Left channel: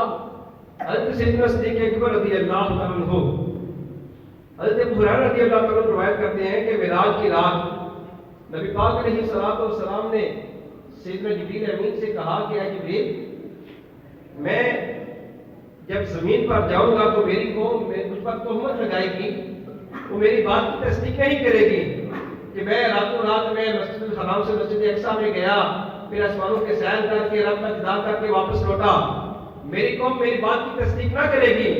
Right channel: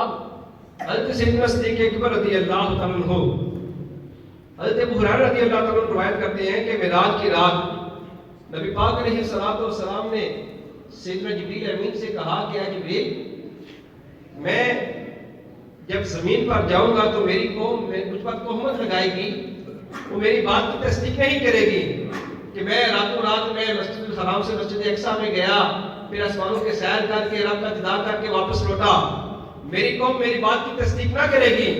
اب حضرت سیدنا صدیق اکبر رضی اللہ تعالیٰ عنہ حضرت ابو ہریرہ رضی اللہ تعالیٰ عنہ روایت کرتے ہیں کہ معراج کی رات نبی پاک علیہ الصلوۃ والسلام نے سیدنا جبریل امین سے کہا کہ اے جبریل میں جب زمین پر جاؤں گا تو میری قوم مجھ پر تہمت لگائے گی، وہ میری بات کی تصدیق نہیں کرے گی کہ میں راتوں رات میں مسجد الحرام سے مسجد اقصیٰ میں گیا، پھر آسمانوں کے سیر کر کے رب کا دیدار کر کے واپس لوٹا، میری قوم میری بات کی تصدیق نہ کرے گی۔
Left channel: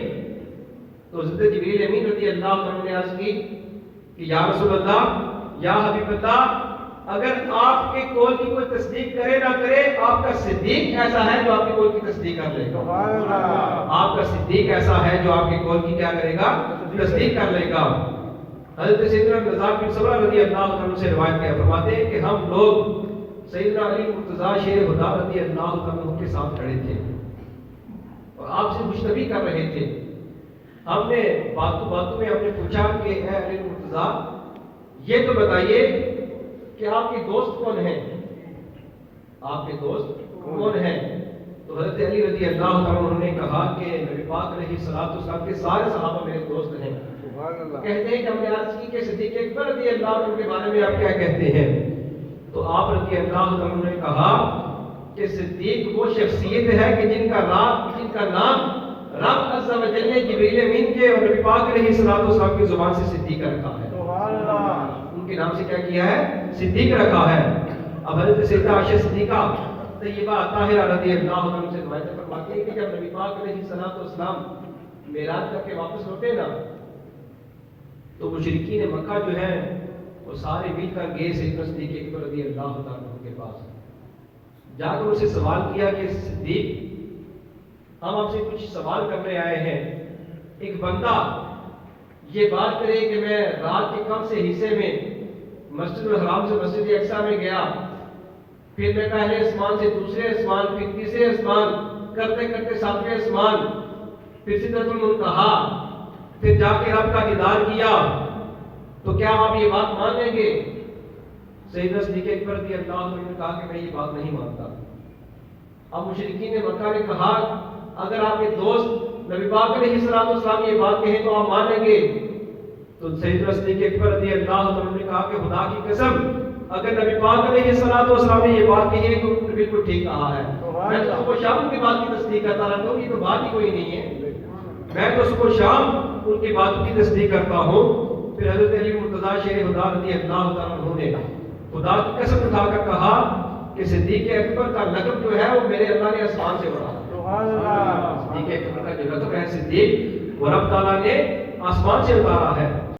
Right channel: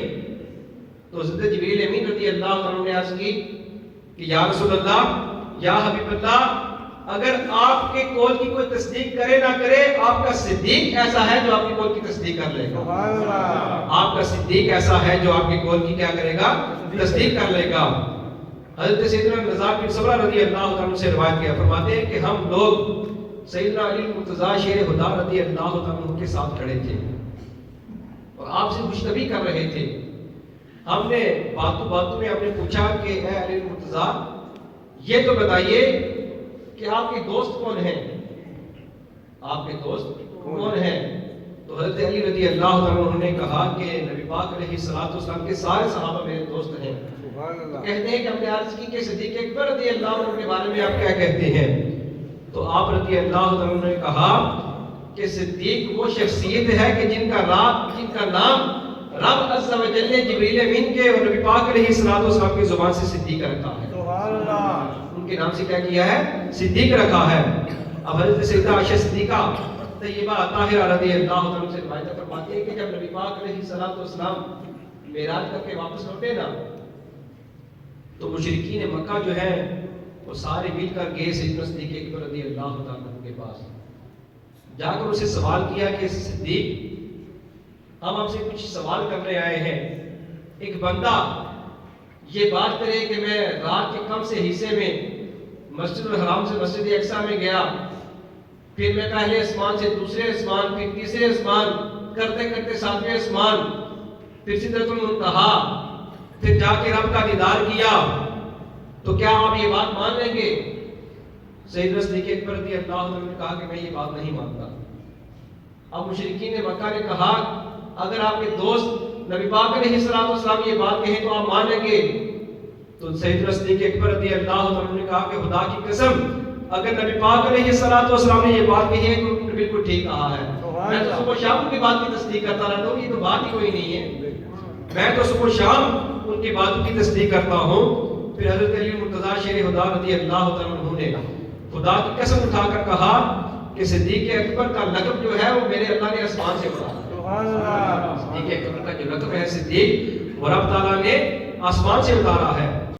تو حضرت جبریل امین رضی اللہ عنہ نے عرض کی کہ یا رسول اللہ، یا حبیب اللہ، اگر آپ کے قول کی کوئی تصدیق کرے نہ کرے، آپ کا صدیق ایسا ہے جو آپ کے قول کی تصدیق کر لے گا۔ آپ کا صدیق ایسا ہے جو آپ کے قول کی کیا کرے گا؟ تصدیق کر لے گا۔ حضرت سیدنا نزار بن سمرہ رضی اللہ عنہ سے روایت کیا فرماتے ہیں کہ ہم لوگ سیدنا علی مرتضیٰ شیر خدا رضی اللہ عنہ کے ساتھ کھڑے تھے اور آپ سے گفتگو کر رہے تھے۔ ہم نے باتوں میں ہم نے پوچھا کہ اے علی مرتضیٰ، یہ تو بتائیے کہ آپ کے دوست کون ہیں؟ آپ کے دوست کون ہیں؟ تو حضرت علی رضی اللہ عنہ نے کہا کہ نبی پاک علیہ الصلوۃ والسلام کے سارے صحابہ میرے دوست ہیں۔ کہتے ہیں کہ ہم نے عرض کی کہ صدیق اکبر رضی اللہ عنہ کے بارے میں آپ کیا کہتے ہیں؟ تو آپ رضی اللہ عنہ نے کہا کہ صدیق وہ شخصیت ہے کہ جن کا نام رب عز و جل نے جبریل امین کے اور نبی پاک علیہ الصلوۃ والسلام کی زبان سے صدیق رکھا ہے۔ سبحان اللہ، ان کے نام سے کیا کیا ہے؟ صدیق رکھا ہے۔ اب حضرت سیدہ عائشہ صدیقہ طیبہ طاہرہ رضی اللہ عنہ سے روایت فرماتی ہے کہ جب نبی پاک علیہ الصلوۃ والسلام معراج کر کے واپس لوٹے نا، تو مشرکین مکہ جو ہیں وہ سارے مل کر گئے سیدنا صدیق اکبر رضی اللہ عنہ کے پاس، جا کر اسے سوال کیا کہ صدیق، ہم آپ سے کچھ سوال کرنے آئے ہیں۔ ایک بندہ یہ بات کرے کہ میں رات کے کم سے حصے میں مسجد الحرام سے مسجد اقصیٰ میں گیا، پھر میں پہلے آسمان سے دوسرے آسمان، پھر تیسرے آسمان، کرتے کرتے ساتویں آسمان، پھر سدرۃ المنتہا، پھر جا کے رب کا دیدار کیا، تو کیا آپ یہ بات مان لیں گے؟ سیدنا صدیق اکبر رضی اللہ عنہ نے کہا کہ میں یہ بات نہیں مانتا۔ اب مشرکین مکہ نے کہا اگر آپ کے دوست نبی پاک علیہ الصلوۃ والسلام یہ بات کہیں تو آپ مانیں گے؟ تو سیدنا صدیق اکبر رضی اللہ عنہ نے کہا کہ خدا کی قسم، اگر نبی پاک علیہ الصلوۃ والسلام نے یہ بات کہی ہے تو انہوں نے بالکل ٹھیک کہا ہے۔ میں تو صبح شام کی بات کی تصدیق کرتا رہتا ہوں، یہ تو بات ہی کوئی نہیں ہے، میں تو صبح شام ان کی باتوں کی تصدیق کرتا ہوں۔ پھر حضرت علی مرتضیٰ شیر خدا رضی اللہ عنہ نے خدا کی قسم اٹھا کر کہا کہ صدیق اکبر کا لقب جو ہے وہ میرے اللہ نے آسمان سے اتارا۔ صدیق اکبر کا جو لقب ہے صدیق، وہ رب تعالیٰ نے آسمان سے اتارا ہے۔